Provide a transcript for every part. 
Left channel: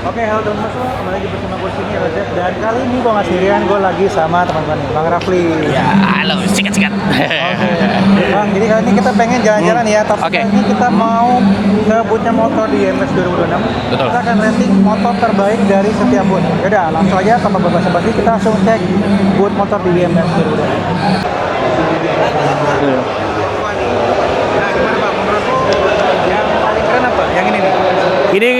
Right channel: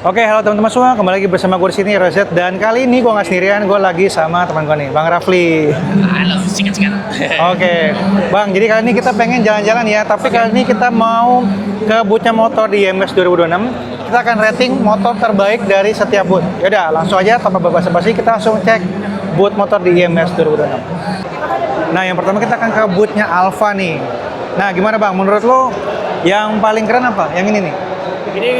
Oke, halo teman-teman semua, kembali lagi bersama gue di sini Rozet, dan kali ini gue nggak sendirian, gue lagi sama teman gue nih, Bang Rafli. Ya, halo, sikat-sikat. Oke, Bang, jadi kali ini kita pengen jalan-jalan ya, tapi kali ini kita mau ke bootnya motor di IMS 2026. Betul. Kita akan rating motor terbaik dari setiap boot. Yaudah, langsung aja tanpa basa-basi kita langsung cek boot motor di IMS 2026. Nah, yang pertama kita akan ke bootnya Alfa nih. Nah, gimana Bang, menurut lo yang paling keren apa? Yang ini nih? Ini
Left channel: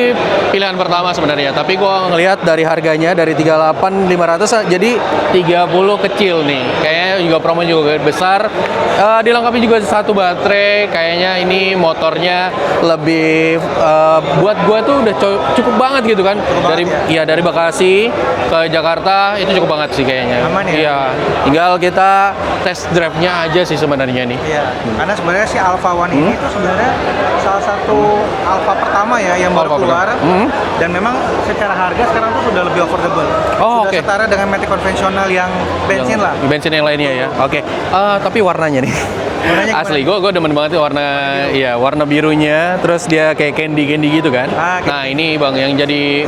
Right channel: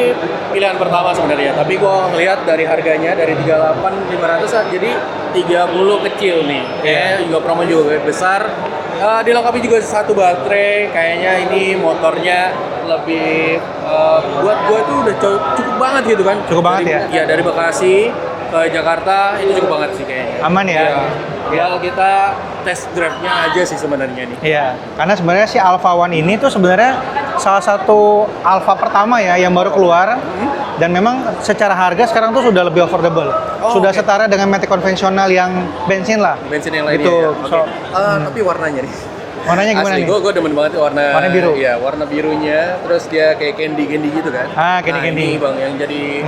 pilihan pertama sebenarnya, tapi gua ngelihat dari harganya dari 38.500 jadi 30 kecil nih. Kayaknya juga promo juga besar. Dilengkapi juga satu baterai. Kayaknya ini motornya lebih buat gua tuh udah cukup banget gitu kan. Cukup dari banget ya? Iya, dari Bekasi ke Jakarta itu cukup banget sih kayaknya. Aman ya? Iya. Tinggal kita test drive-nya aja sih sebenarnya nih. Iya, karena sebenarnya si Alpha One ini tuh sebenarnya salah satu Alpha pertama ya yang baru keluar, dan memang secara harga sekarang tuh sudah lebih affordable, sudah oke. setara dengan Matic konvensional yang bensin lah. Bensin yang lainnya Gitu. ya. Oke. Tapi warnanya nih. Warnanya gimana Asli, nih? gue demen banget ya warna biru. Iya, warna birunya. Terus dia kayak candy gitu kan. Ah, Nah, candy-candy. ini Bang yang jadi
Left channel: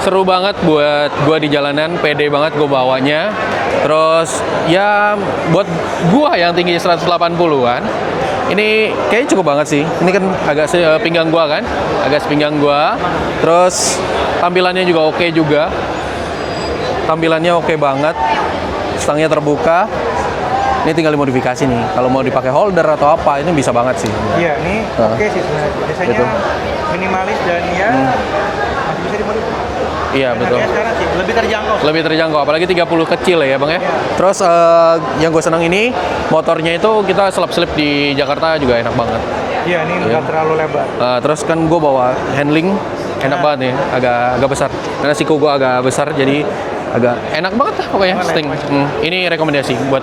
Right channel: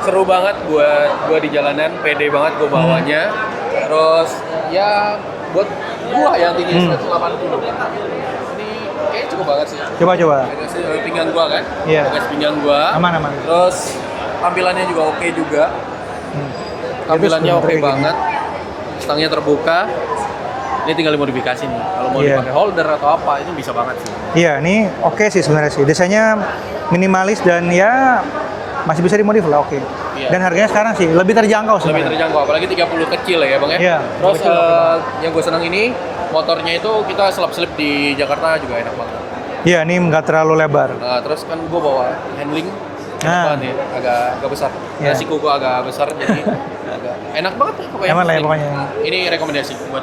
seru banget buat gue di jalanan, pede banget gue bawanya. Terus ya buat gue yang tinggi 180-an, ini kayaknya cukup banget sih. Ini kan Coba. agak pinggang gue kan, Iya. agak sepinggang gue. Aman. Terus tampilannya juga oke juga. Tampilannya oke banget. Stangnya terbuka. Ini tinggal dimodifikasi nih. Kalau mau Iya. dipakai holder atau apa, ini bisa banget sih. Iya, ini oke sih sebenarnya sih. Desainnya minimalis dan ya masih bisa dimodifikasi. Oke. Iya, Dan betul. harganya sekarang sih lebih terjangkau. Lebih sebenarnya. terjangkau, apalagi 30 kecil ya Bang ya. Iya. Terus yang gue senang ini, motornya itu kita selip-selip di Jakarta juga enak banget. Iya, ini nggak terlalu lebar. Terus kan gue bawa handling, enak Ah. banget nih, agak besar. Karena siku gue agak besar, jadi agak enak banget lah pokoknya. Aman ya, Sting. pokoknya. Ini rekomendasi buat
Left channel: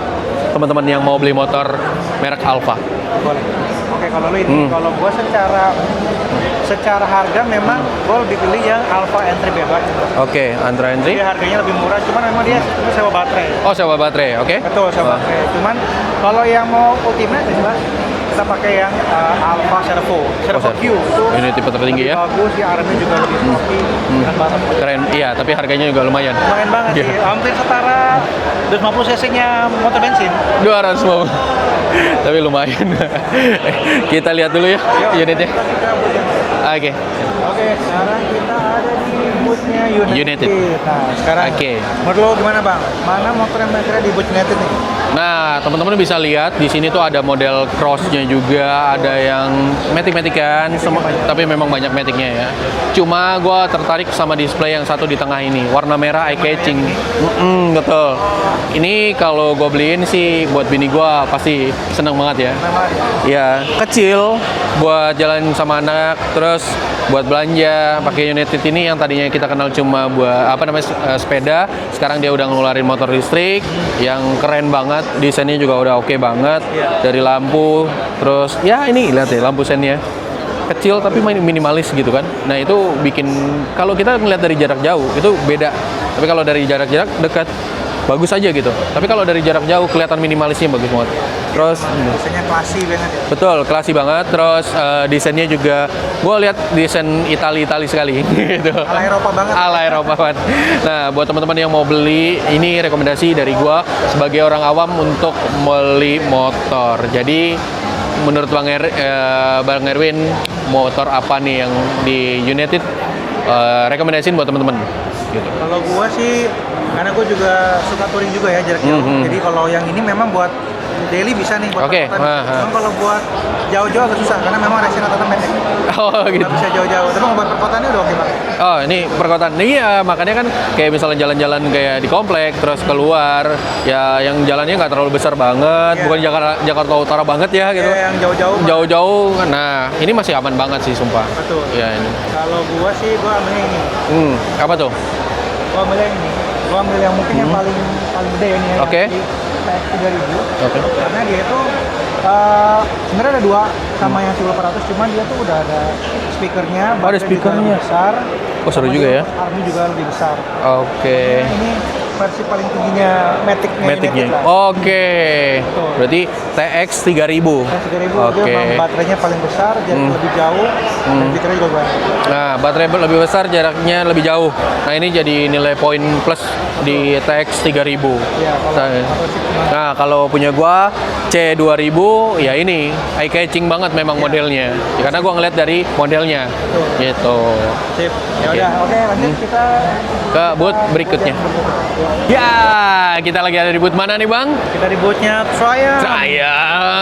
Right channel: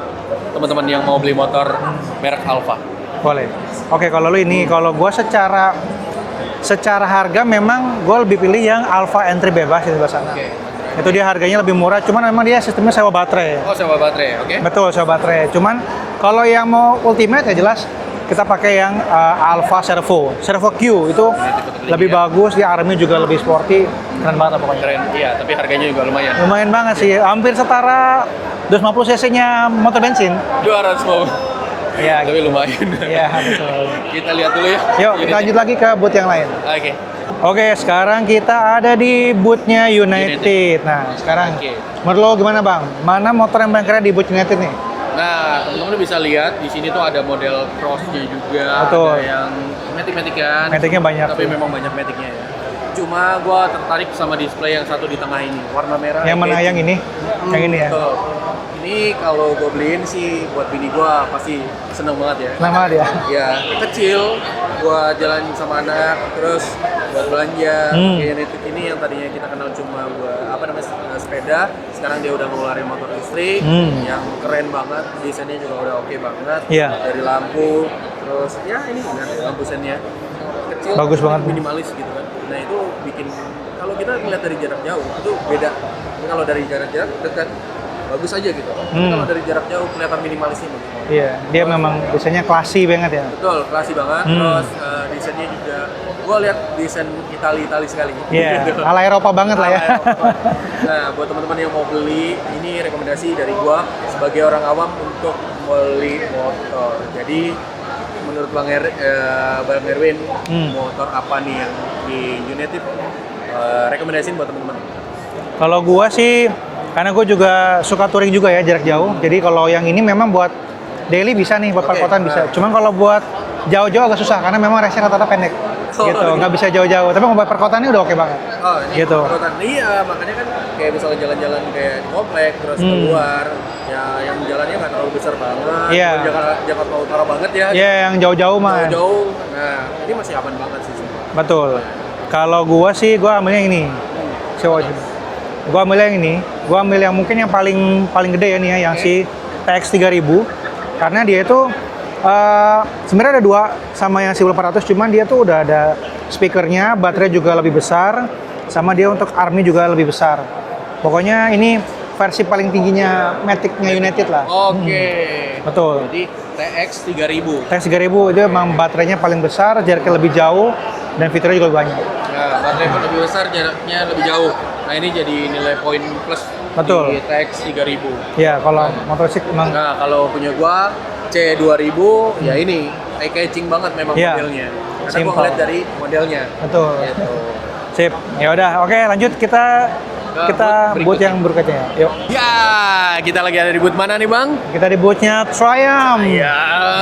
teman-teman yang mau beli motor merek Alfa. Boleh. Oke, kalau lu ini, kalau gua secara harga memang gua lebih pilih yang Alpha entry bebas itu. Oke, Android Itu dia harganya lebih murah, cuman memang dia sistemnya sewa baterai. Oh, sewa baterai, oke? Betul, sewa baterai. Cuman kalau yang mau ultimate ya jelas kita pakai yang Alpha Servo Q itu Ini tipe tertinggi lebih ya? bagus ya, armnya juga lebih sporty, keren banget pokoknya. Keren, iya, tapi harganya juga lumayan. Lumayan banget sih, hampir setara 250 cc-nya motor bensin. 200 mau. Iya. Tapi lumayan. Iya. Kita lihat dulu ya Yuk, kita unitnya. lanjut lagi ke boot yang lain. Oke. Oke, sekarang kita ada di bootnya United. United. Nah, sekarang Oke. menurut lo gimana Bang? Mana motor yang paling keren di boot United nih? Nah, teman-teman bisa lihat di sini tuh ada model crossnya juga, Betul. ada yang matic-matikan, Matic-nya banyak. tapi memang banyak maticnya ya. Cuma gua tertarik sama display yang satu di tengah ini, warna merah Yang mana eye-catching. yang ini? Yang ini ya? Betul. Ini kalau gue beliin sih buat bini gua pasti seneng banget ya. Nama dia. Ya, kecil buat jalan sama anak, terus buat belanja. Pakai United ini yang tadinya kita kenal cuma buat sepeda, sekarang dia udah ngeluarin motor listrik yang keren banget, desainnya juga udah oke banget. Iya. Dari lampu, terus ya ini lihat deh lampu sennya. Kecil Bagus tapi banget. minimalis gitu kan. Nah, itu bikin kalau kita ngeliat dari jarak jauh itu beda. Tapi kalau dari jarak dekat bagus aja gitu. Tapi kalau dari jarak jauh kelihatan minimalisnya bagus banget. Iya, dia Terus, memang desainnya classy banget ya. betul, klasi banget. Terus desainnya juga, gue lihat desain Itali sekali. Iya, Gitu. ala Eropa banget lah ya. Ala Eropa banget. Nah, buat teman-teman yang mau beli, ini rekomendasi dari gue sebagai orang awam untuk beli motor. Jadi menurut Bang Erwin, motor apa nih yang di United rekomendasiin buat teman-teman? Gitu. Kalau gua sih, karena gua juga suka touring juga ya jarak jauh. Jadi kalau yang ini memang buat daily bisa nih, buat Oke. perkotaan bisa. Ah. Cuman kalau buat jauh-jauh agak susah karena memang racing rata-rata pendek. Oh, gitu, gitu. nggak bisa jauh-jauh. Tapi kalau buat perkotaannya udah oke banget. Oh, ini Gitu. perkotaan. Iya, makanya kan kayak misalnya jalan-jalan kayak di komplek terus keluar, ya yang jalannya nggak terlalu besar banget, Iya. bukan Jakarta Utara banget ya. Iya, gitu. yang jauh-jauh mah. Jauh-jauh. Nah, ini masih aman banget sih, sumpah. Betul. Ya, ini. Kalau gua sih, gua ambil yang ini. Apa Coba. tuh? Gua ambil yang ini. Gua ambil yang mungkin yang paling gede ya nih ya, yang Oke. si TX 3000. Oke. Karena dia itu sebenarnya ada dua sama yang si 400, cuman dia tuh udah ada speakernya, baterai juga speakernya. lebih besar, Oh, sama seru dia juga ya. untuk army juga lebih besar. Oke. Pokoknya ini versi paling tingginya Matic-nya United lah. Oke. Betul. Berarti TX 3000. T3000 dia memang baterainya paling besar, jaraknya lebih jauh, dan fiturnya juga banyak. Nah, baterai lebih besar, jaraknya lebih jauh. Nah, ini jadi nilai poin plus di TX 3000. Ya, kalau motor sih Nah, kalau punya gua C2000 ya ini eye catching banget memang Iya. modelnya. Ya, karena gua Simple. ngeliat dari modelnya. Betul. Gitu. Sip. Ya udah, oke lanjut kita Ke booth berikutnya. yang berikutnya. Yuk. Ya, kita lagi ada di booth mana nih, Bang? Kita di bootnya Triumph.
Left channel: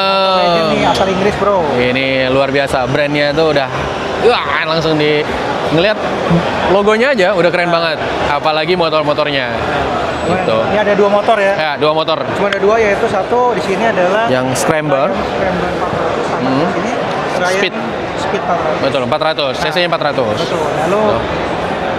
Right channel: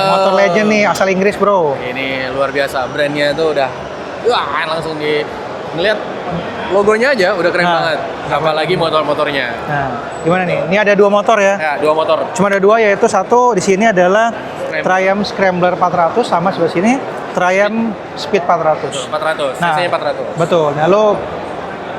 Motor Legend nih, asal Inggris bro. Ini luar biasa, brandnya tuh udah wah, langsung di ngeliat logonya aja udah keren banget. Apalagi motor-motornya. Nah, gimana Betul. nih? Ini ada dua motor ya. Ya, dua motor. Cuma ada dua, yaitu satu di sini adalah Yang Scrambler. Triumph Scrambler 400 sama sebelah sini Triumph Speed 400. Betul, 400. CC-nya 400. Betul. Nah, lo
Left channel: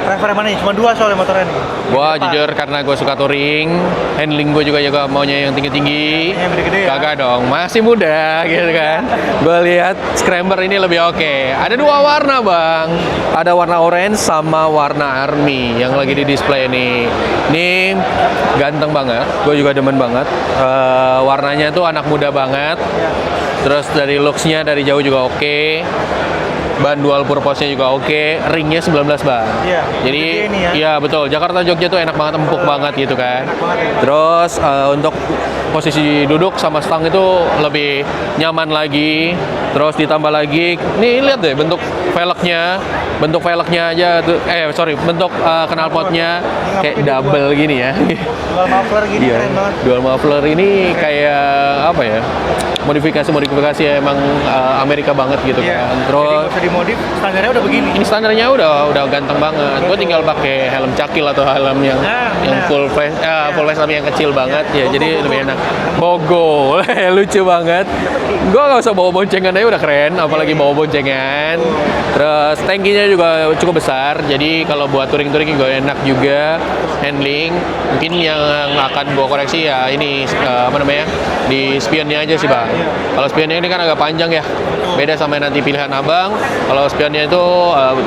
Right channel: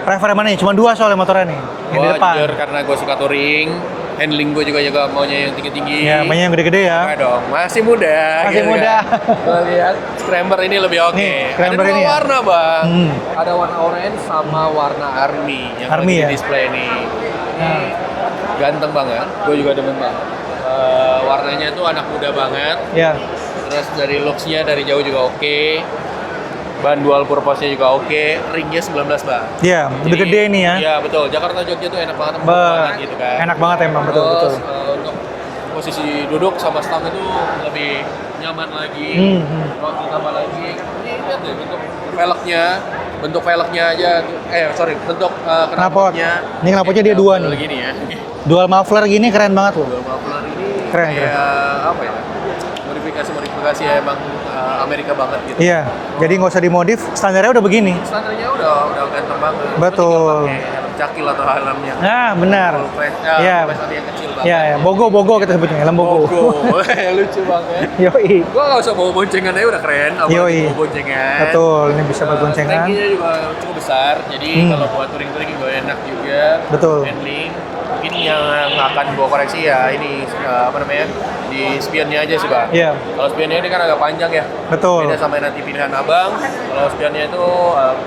prefer mana nih? Cuma dua soalnya motornya nih. Yang Gua di depan. jujur karena gue suka touring, handling gue juga maunya yang tinggi-tinggi. Ya, maunya yang gede-gede ya. Kagak dong, masih muda Masih gitu muda. kan. Gue lihat Scrambler ini lebih oke. Nih, Ada Scrambler dua ini ya. warna, Bang. Ada warna orange sama warna army yang Army lagi di ya? display nih. Ini ganteng banget, gue juga demen banget. Warnanya tuh anak muda banget. Ya. Terus dari looks-nya dari jauh juga oke. Ban dual purpose-nya juga oke. Ringnya 19 ban. Iya, lebih Jadi, gede nih ya. Iya betul. Jakarta Jogja tuh enak banget, empuk banget gitu kan. Enak banget emang. Terus untuk posisi duduk sama stang itu lebih nyaman lagi. Terus ditambah lagi, nih lihat deh bentuk velgnya aja. Bentuk knalpotnya Ini knalpotnya kayak dia dua. double gini ya. Dual muffler gini Iya. keren banget. Dual muffler ini Keren. kayak apa ya? Modifikasi ya emang Amerika banget gitu Iya. kan. Terus Jadi nggak usah dimodif, standarnya udah begini. ini standarnya udah ganteng banget. Gue Betul. tinggal pakai helm cakil atau helm yang, Nah, yang benar. full face, Iya. full face sama yang kecil banget. Iya, Ya, Bogo, jadi Bogo lebih kita enak. sebutin, helm Bogo. Bogo. Lucu banget. Yoi. Gue nggak usah bawa boncengan aja udah keren, apalagi Yoi. bawa boncengan. Betul, ini bisa bawa Terus boncengan. tankinya juga cukup besar, jadi kalau buat touring-touring juga enak juga. Betul. Handling, mungkin yang akan gue koreksi ya ini di spionnya aja sih, Bang. Iya. Kalau spionnya ini kan agak panjang ya. Betul. Beda sama nanti pilihan abang. Kalau spionnya itu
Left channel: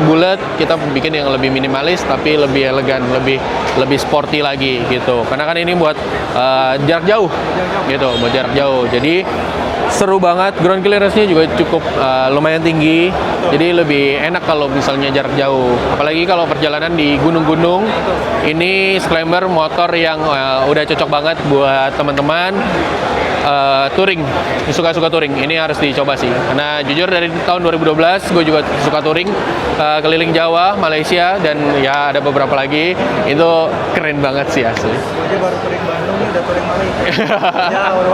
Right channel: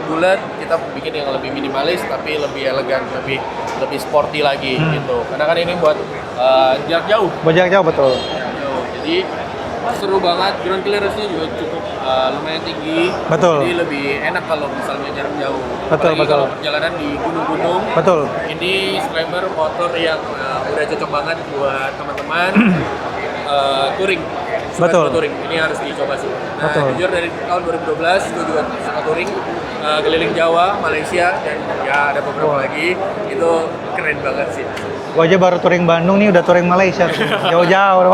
bulat, kita bikin yang lebih minimalis tapi lebih elegan, lebih sporty lagi gitu. Karena kan ini buat jarak jauh. Buat jarak jauh, Gitu, betul. buat jarak jauh. Jadi seru banget, ground clearance-nya juga cukup lumayan tinggi. Betul. Jadi lebih enak kalau misalnya jarak jauh. Betul, Apalagi betul. kalau perjalanan di gunung-gunung. Betul. Ini Scrambler motor yang udah cocok banget buat teman-teman touring, suka Betul. touring. Ini harus dicoba sih. Karena Betul. jujur dari tahun 2012 gue juga suka touring keliling Jawa, Malaysia, dan ya ada beberapa lagi. Itu keren banget sih asli. Gua aja baru touring Bandung nih, udah touring Malaysia. Jauh-jauh.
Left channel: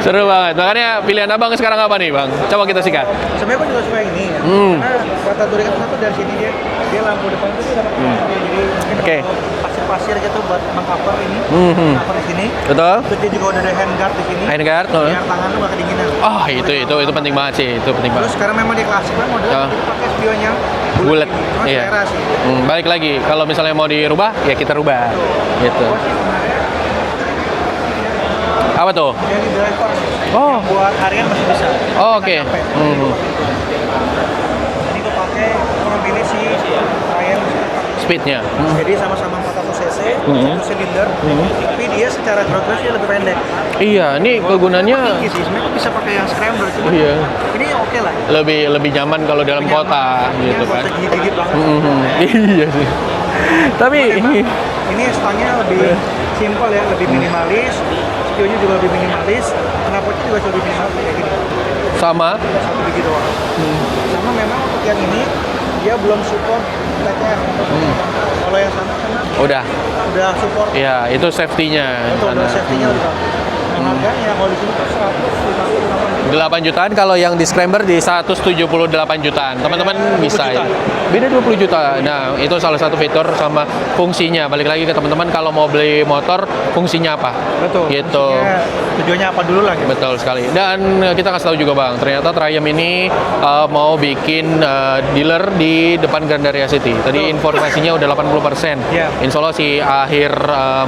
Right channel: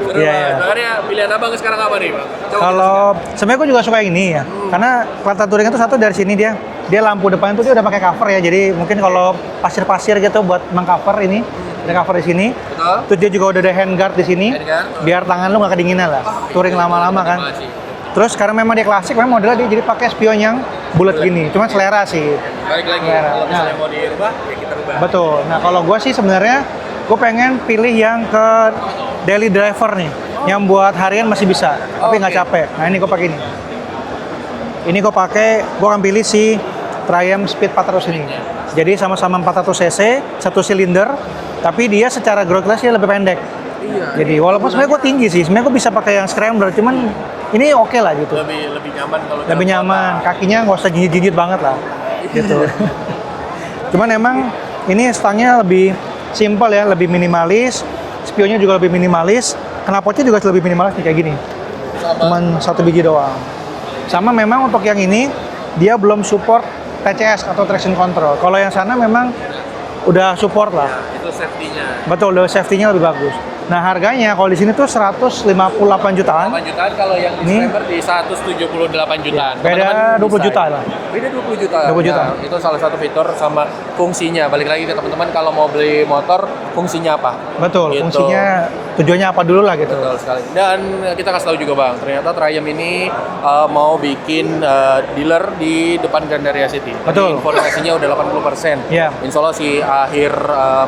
Seru Iya, banget. iya. Makanya pilihan abang sekarang apa nih, Bang? Coba kita sikat. Sebenarnya gue juga suka ini ya. Karena mata touring itu satu dari sini dia lampu depan itu dia udah pakai cover ya. Jadi mungkin Oke. kalau pasir-pasir gitu buat mengcover ini, cover di sini. Betul? Terus dia juga udah ada handguard di sini. Handguard, Biar tangan lu nggak kedinginan lah. Oh, itu Touring lama-lama penting kan. banget sih. Itu penting Terus karena memang dia klasik, memang modelnya dia jadi pakai spionnya bulat Bulat. gini. Cuma Iya. selera sih. Balik lagi, kalau misalnya mau dirubah, ya kita rubah. Betul. Nah, kalau Gitu. gue sih sebenarnya gue pengen pilih yang ke Apa tuh? daily driver nih, Oh. yang buat harian masih bisa, Oh, tapi nggak oke. capek. Nah ini gue pakai ini. Ini gue akan pilih si Triumph Speed 400. Speednya. Jadi sama-sama 400 cc, satu silinder, tapi dia secara ground clearance dia lebih pendek. Iya, Jadi ini walaupun sebenarnya gue kegunaannya tinggi sih, sebenarnya gue bisa pakai yang scrambler, cuman Iya. ini oke lah gitu. lebih nyaman kalau dalam Lebih kota. nyaman, kakinya gitu nggak kan. usah gigit-gigit banget. Kan. Iya. Tapi Cuman emang ini stangnya lebih simpel ya, lebih minimalis, spionnya juga lebih minimalis, knalpotnya juga lebih minimalis kayak gini. sama Cuman satu biji doang. Sama memang untuk yang ini dia belum support TCS atau traction control. Kalau yang sana memang udah support lah. Iya, itu safety-nya. Betul, udah safety-nya lebih bagus. Nah harganya kalau di sini tuh 158 jutaan. 8 jutaan, kalau yang di Scrambler di 178 jutaan. Teman-teman Beda bisa. 20 juta. Beda 20 juta. 20 juta. Nah, itu salah satu fitur sama fungsinya. Balik lagi ke teman-teman, kalau mau beli motor, fungsinya apa? Betul, Gitu. fungsinya tujuannya apa dulu lah gitu. Betul sekali. Dan kita kasih tahu juga, Bang, ternyata Triumph ini mau bikin dealer di depan Gandaria City. Tadi Betul. informasinya udah 80%. Iya. Insya Allah sih akhir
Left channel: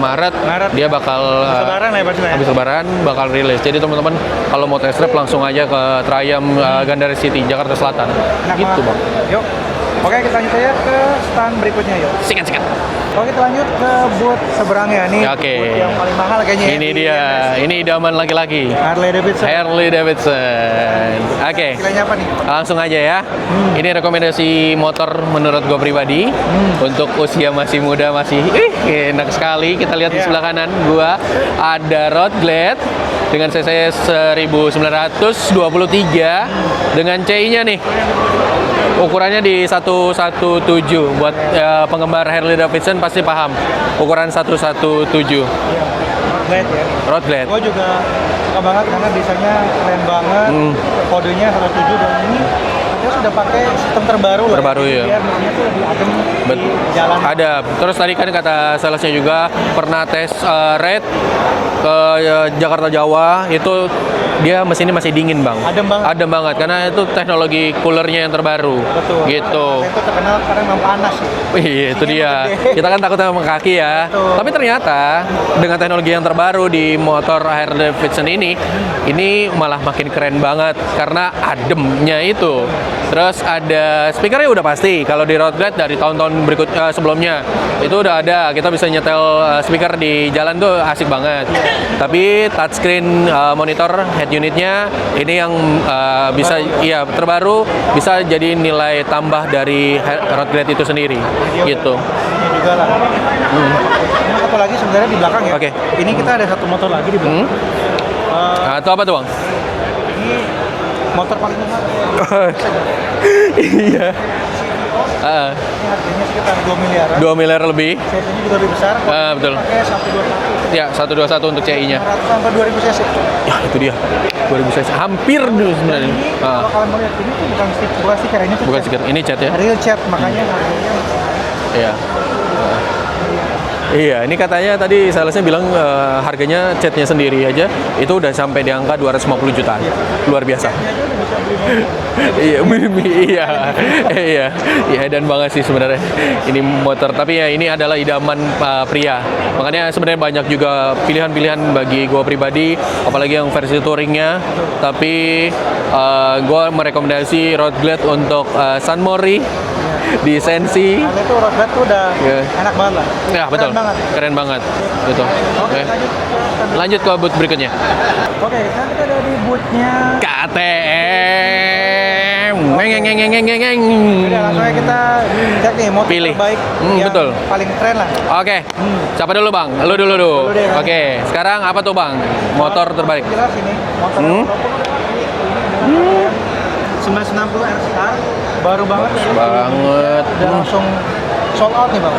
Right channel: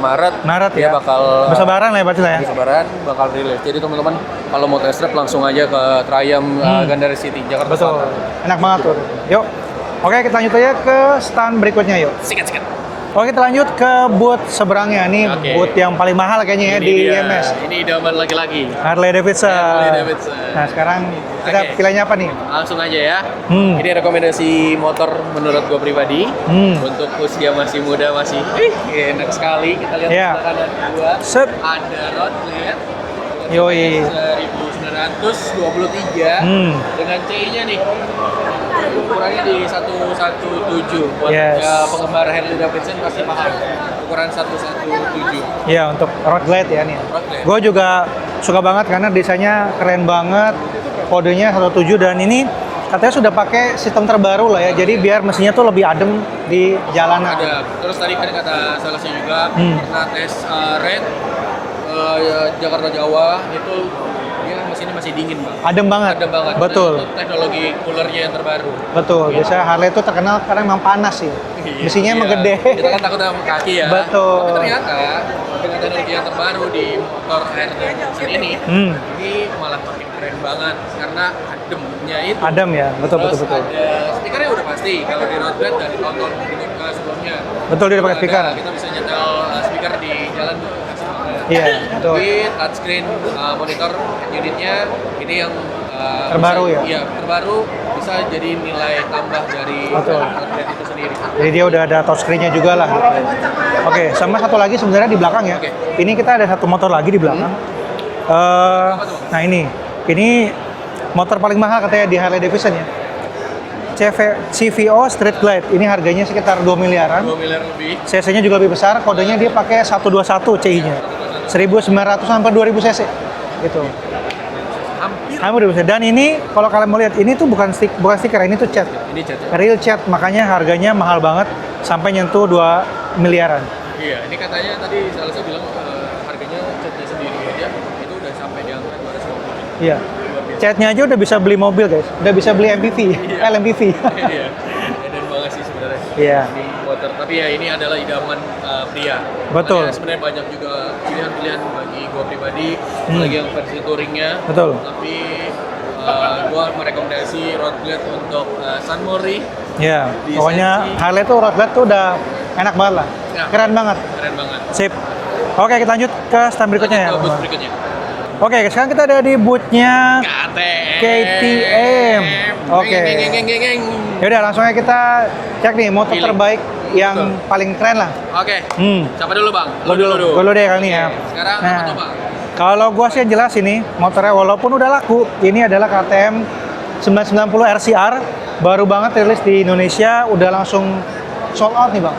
Maret dia ya. bakal Habis lebaran lah ya pasti lah ya. habis lebaran bakal rilis. Jadi teman-teman kalau mau test drive langsung aja ke Triumph Gandaria City, Jakarta Selatan. Enak Gitu, banget. Bang. Yuk. Oke, kita lanjut aja ke stand berikutnya yuk. Sikat. Oke, kita lanjut ke boot seberangnya nih, Oke. boot yang paling mahal kayaknya ya Ini di dia, IMS. ini idaman lagi-lagi. Harley Davidson. Harley Davidson. Nah, sekarang kita Oke. pilihnya apa nih? Langsung aja ya. Hmm. Ini rekomendasi motor menurut gue pribadi. Untuk usia masih muda masih enak sekali. Kita lihat di Iya. sebelah kanan gua Set. ada Road Glide dengan cc Yoi. 1923 dengan CI-nya nih. Ukurannya di 117 buat Yes. penggemar Harley Davidson pasti paham. Ukuran 117 Iya, untuk road glide ya nih. Road Glide. Gue juga suka banget karena desainnya keren banget, kodenya 107 dan ini katanya sudah pakai sistem terbaru lah ya, Terbaru, jadi ya. biar mesinnya tuh lebih adem di jalanan. Ada. Terus tadi kan kata salesnya juga pernah tes ride ke Jakarta Jawa itu dia mesinnya masih dingin bang. Adem banget. Adem banget karena Betul. itu teknologi coolernya yang terbaru. Betul. Gitu. Biasanya Harley itu terkenal karena memang panas ya. Wih, itu Mesinnya dia. emang gede. Kita kan takutnya sama kaki ya. Betul. Tapi ternyata dengan teknologi yang terbaru di motor Harley Davidson ini malah makin keren banget karena ademnya itu. Adem ya, betul, Terus betul, betul. ada speakernya udah pasti. Kalau di Road Glide dari tahun-tahun berikut sebelumnya Betul, itu dia udah udah ada. speaker. Kita bisa nyetel speaker di jalan tuh asik banget. Iya, Tapi touchscreen monitor head unitnya ini yang bisa Terbaru ya? terbaru bisa jadi nilai tambah dari Road Glide itu sendiri. Jadi dia udah Gitu. ada touchscreen-nya juga lah. Oke, sama satu lagi sebenarnya di belakang ya. Oke. Ini kita ada satu motor lagi di belakang. Itu apa tuh, Bang? Nah ini motor paling mahal katanya di Harley Davidson ya. CVO Street Glide. Ini harganya sekitar 2 miliaran. 2 miliar lebih. CC-nya juga lebih besar, kodenya dia betul. pakai 121 CI. Ya, 121 untuk CI-nya. 1900 sampai 2000 cc. Ya, itu dia. 2000 cc. Hampir. Dan ini Ah, kalau kalian melihat ini tuh bukan stiker, ini tuh bukan cat. stiker. Ini cat ya. Real cat, makanya harganya mahal banget Iya. sampai nyentuh 2 miliaran. Iya, ini katanya tadi salesnya bilang harganya catnya sendiri aja itu udah sampai di angka 250 juta. Iya. Luar biasa. Catnya aja udah bisa beli mobil tuh, udah bisa beli MPV, Iya. LMPV. Iya. Iya, dan banget sih sebenarnya. Iya. Ini motor, tapi ya ini adalah idaman pria. Makanya sebenarnya banyak juga pilihan-pilihan bagi gue pribadi, apalagi yang versi touringnya. Betul. Tapi gue merekomendasi Road Glide untuk San Mori. Iya. Di Pokoknya Sensi. Harley tuh road glide tuh udah Iya. enak banget lah, Ya, keren betul. banget. Keren banget. Sip. Betul. Oke, kita lanjut ke stand berikutnya. Lanjut ke booth berikutnya. Oke, sekarang kita ada di bootnya KTM. KTM. Oke. Ngeng. Yaudah, langsung aja kita cek nih motor Pilih. terbaik yang Betul. paling keren lah. Oke. Hmm. Siapa dulu, Bang? Lu dulu. Dulu nih, kan, Oke. ya. Sekarang Nah, apa tuh, Bang? Kalau gua sih yang jelas ini motornya walaupun udah laku, ini adalah KTM 990 RCR, baru banget rilis di Banget. Indonesia, udah langsung sold out nih bang.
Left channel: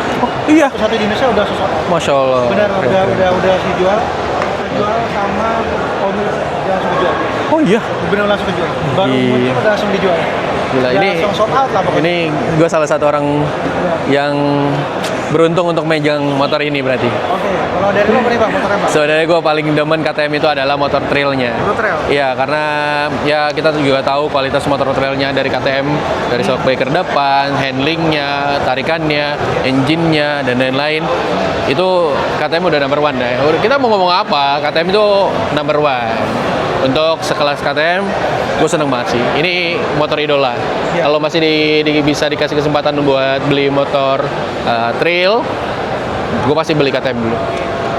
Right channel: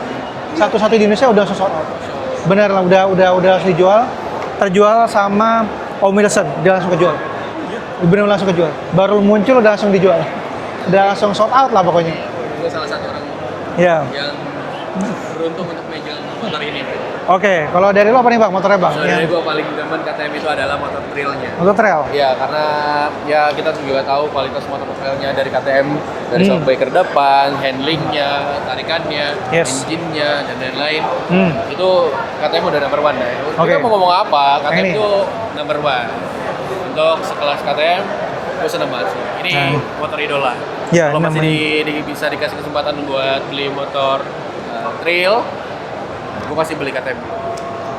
iya. Satu-satu di Indonesia udah sold out. Masya Allah. Bener, udah langsung dijual, terjual sama Om Wilson, dia langsung kejual. Oh iya. Bener langsung kejual. Baru Iya. muncul udah langsung dijual. Gila, Udah ini- langsung sold out lah pokoknya. Ini gue salah satu orang Iya. yang beruntung untuk megang motor ini berarti. Oke, kalau dari lu apa nih bang motornya bang? Sebenarnya gue paling demen KTM itu adalah motor trailnya. Lu trail? Iya, karena ya kita juga tahu kualitas motor trailnya dari KTM, dari shockbreaker depan, handlingnya, tarikannya, Yes. engine-nya, dan lain-lain. Itu KTM udah number one deh. Kita mau ngomong apa, KTM Ini. itu number one. Untuk sekelas KTM, gue seneng banget sih. Ini motor idola. Ya, Kalau masih bisa dikasih kesempatan buat beli motor trail, gue pasti beli KTM dulu.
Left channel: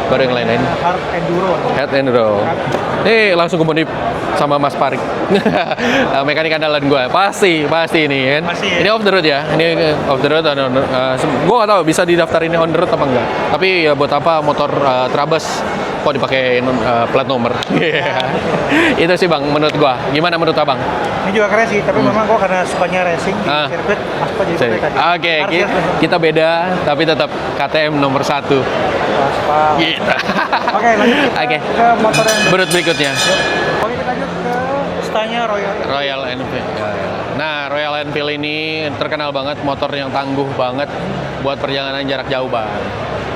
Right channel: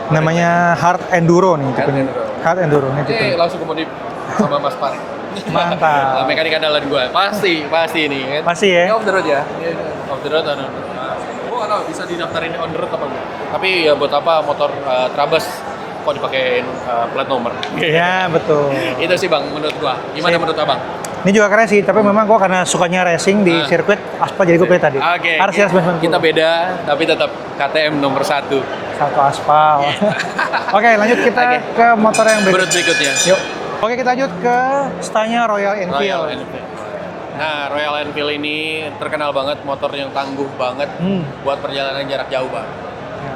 Baru yang lain-lain. Namanya Hard Enduro nih. Hard Enduro. Hard Enduro. Langsung ke modif sama Mas Parik. Mekanik andalan gue. Pasti ini kan. Pasti ya. Ini off the road ya. Ini off the road. Gue gak tahu bisa didaftarin on the road apa enggak. Tapi ya buat apa motor Trabas kok dipakai plat nomor. Ya, betul. Itu sih Bang menurut gua. Gimana menurut Abang? Ini juga keren sih, tapi memang kok karena sukanya racing di Ah. sirkuit, aspal jadi gue pilih tadi. Oke, Harus ya, sebenarnya. kita beda tapi tetap KTM nomor 1. Satu aspal. Gitu. Oke, lanjut kita Oke. ke motor yang Berut berikutnya. Yuk. Oke, kita lanjut ke stylenya Royal Enfield. Royal Enfield. Nah, Royal Enfield ini terkenal banget motor yang tangguh banget buat perjalanan jarak jauh banget.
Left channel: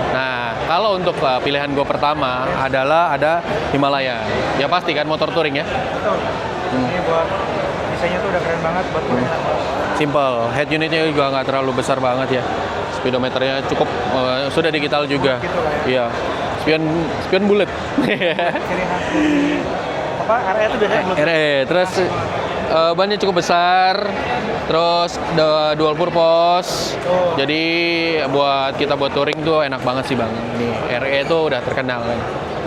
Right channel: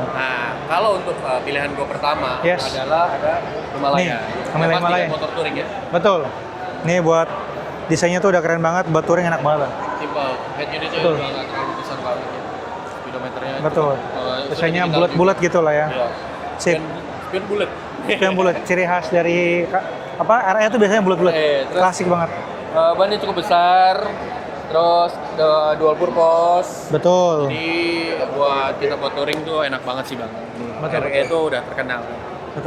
Nah, kalau untuk pilihan gue pertama Yes. adalah ada Himalaya. Nih, Yang pasti kan Himalaya. motor touring ya. Betul. Ini buat desainnya tuh udah keren banget, buat touring enak banget. Simple. Head unitnya juga nggak terlalu besar banget ya. Speedometernya Betul. cukup sudah Desainnya digital juga. bulat-bulat gitu lah ya. Iya. Spion bulat. Yang bulat ciri khas dari apa? RE itu biasanya bulat-bulat. Terus Klasik banget. bannya cukup besar. Terus dual purpose. Betul. Jadi buat kita buat touring tuh enak banget sih bang. Ini RE itu udah terkenal.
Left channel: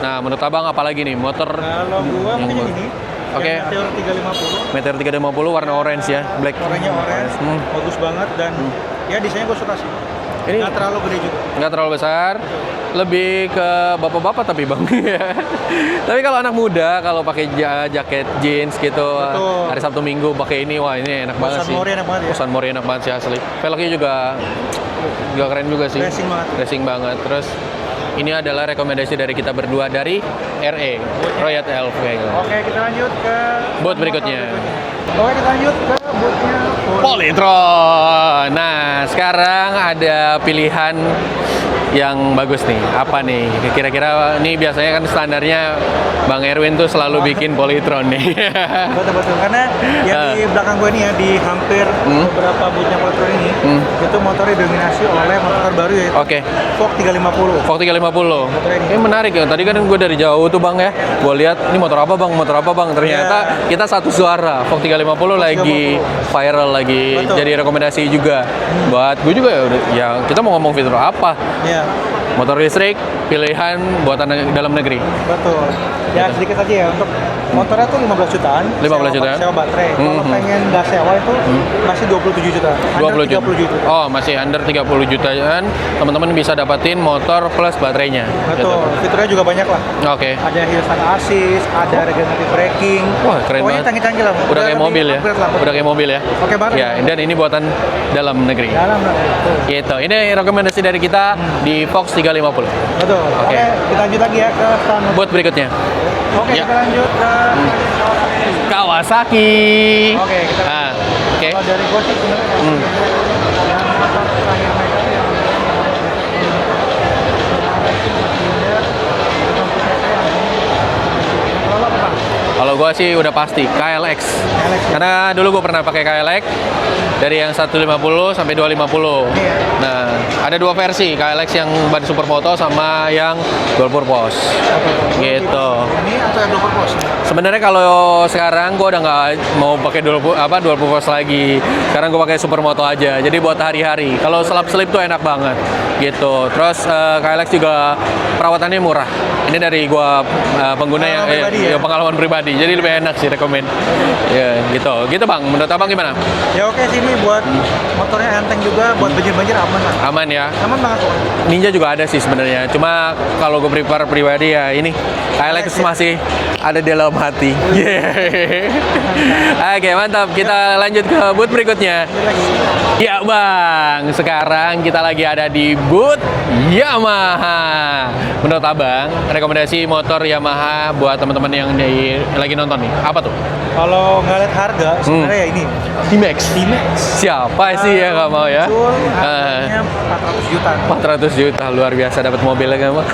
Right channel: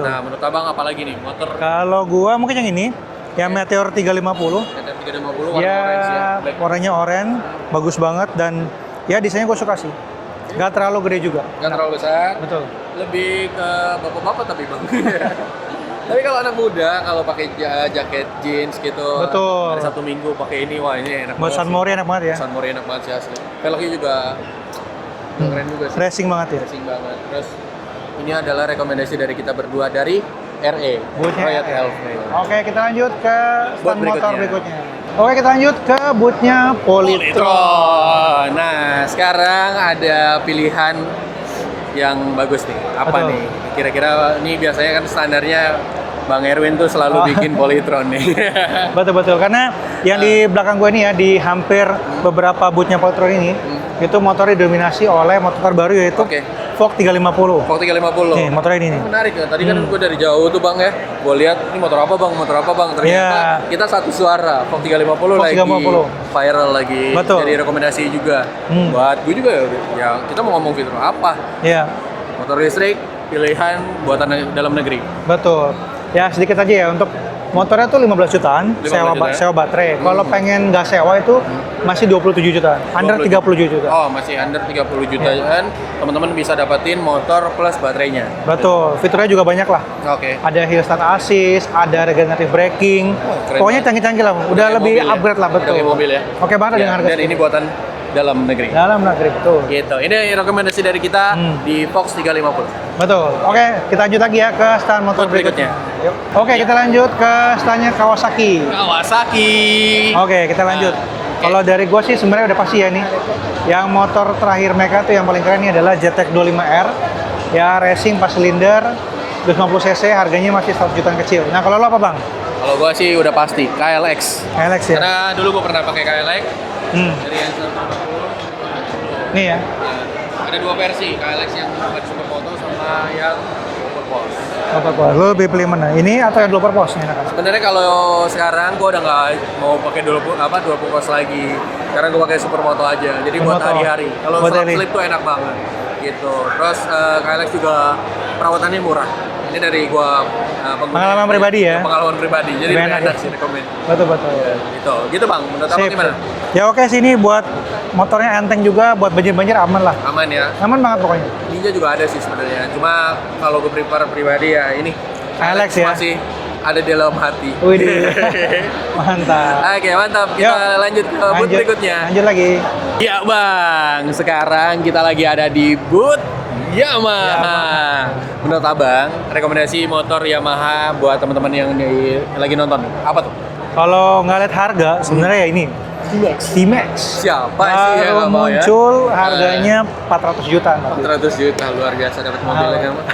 Nah, menurut abang apa lagi nih motor? Kalau gua mungkin yang ini, yang Meteor 350. Meteor 350 warna orange ya, black. Warnanya orange, bagus banget dan ya desainnya gua suka sih. Ini Nggak terlalu gede juga. nggak terlalu besar. Betul. Lebih ke bapak-bapak tapi bang. Tapi kalau anak muda kalau pakai jaket jeans gitu, Betul. hari Sabtu Minggu pakai ini, wah ini enak banget Bosan sih. Mori enak banget ya. Bosan Mori enak banget sih asli. Velgnya juga keren juga sih. Racing banget ya. Racing banget. Terus ini adalah rekomendasi dari kita berdua dari RE, Bootnya Riot RE. Elf. Oke, kita lanjut ke Boot stand berikutnya. motor Oke, kita lanjut ke bootnya Polytron. Nah, sekarang ada pilihan yang bagus nih. Apa Betul. nih? Kira-kira ini biasanya kan standarnya Bang Erwin tuh selalu bikin Polytron nih. Betul-betul, karena yang di belakang gua ini ya, di hampir beberapa bootnya Polytron ini, itu motornya didominasi oleh motor terbaru yaitu Oke. Vogue 350. Vogue 350. Oke, motor ini. menarik ya. Tadi kan gue dari jauh tuh Bang ya. Gue lihat ini motor apa Bang? Motor apa Bang? Ternyata kita satu suara. Vogue 350 lagi 350. viral lagi. Betul. Jadi rekomendasi juga. Buat gue juga ya udah. Ya kita mau ngomong fitur apa? Iya, Motor listrik pilihan buatan dalam negeri. betul. Ya sedikit aja ya, untuk motornya tuh 15 jutaan 15 juta ya? sewa baterai. Kalau pengen nggak sewa itu masih 27 juta, under 20 30 juta. Oh, masih under 30 jutaan. Teman-teman bisa dapetin motor plus baterainya. Betul, fiturnya juga banyak lah. Oke. Ada hill start assist, ada regenerative braking. Wah, keren Pokoknya banget. canggih-canggih lah. Udah kayak lebih mobil ya. upgrade lah. betul. Udah kayak mobil ya. Oke banget Ya, dengan harga dan ini buatan dalam negeri. dalam negeri. Betul. Gitu. Ini rekomendasi dari kita di Fox 350. Betul. Oke, kita lanjut lagi ya ke stand motor Buat berikutnya. Oke, kita lanjut ke standnya Kawasaki. Kawasaki. Oke, kita lanjut. Oke. Kalau dari gua sih sebenarnya udah pasti ya ini. Yang motor terakhir mereka tuh yang paling keren ini adalah ZX 25R. Ya racing 4 silinder 250 cc, harganya masih 1 jutaan kecil. Nah, kalau lo apa, Bang? Kalau gua sih udah pasti KLX. KLX ya. Karena dulu gua pernah pakai KLX Hmm. dari yang 150 sampai 250. Iya. Nah, ada dua versi, KLX yang ban supermoto sama yang dual purpose. Gue lebih Gitu. pilih mana? Ini atau yang dual purpose? Sebenarnya kalau sekarang gua udah nggak mau pakai dual purpose lagi. Sekarang gua pakai supermoto aja. Jadi buat Moto. hari-hari. Kalau Buat selap-selip tuh enak banget. Gitu. Terus KLX juga perawatannya murah. Ini dari gua pengguna Pengalaman pribadi ya? pengalaman pribadi. Jadi lebih Enak enak sih rekomen. Betul. Ya, gitu. Gitu Bang. Menurut Abang Sip. gimana? Ya oke sih, ini buat motornya enteng juga, buat banjir-banjir aman lah. Aman ya. Aman banget pokoknya. Ninja juga ada sih sebenarnya. Cuma kalau gue prepare pribadi ya ini KLX KLX ya? masih ada di dalam hati. Wih. Mantap. Oke, mantap. Kita lanjut ke booth Lanjut. berikutnya. Lanjut lagi. Ya Bang, sekarang kita lagi ada di booth Yamaha. Menurut Abang, rekomendasi motor Yamaha buat teman-teman yang lagi nonton nih, apa tuh? Kalau nggak lihat harga, sebenarnya ya ini T-Max. T-Max. Siapa sih yang nggak mau ya? Muncul harganya 400 juta. 400 juta, luar biasa dapat mobilnya kan Bang.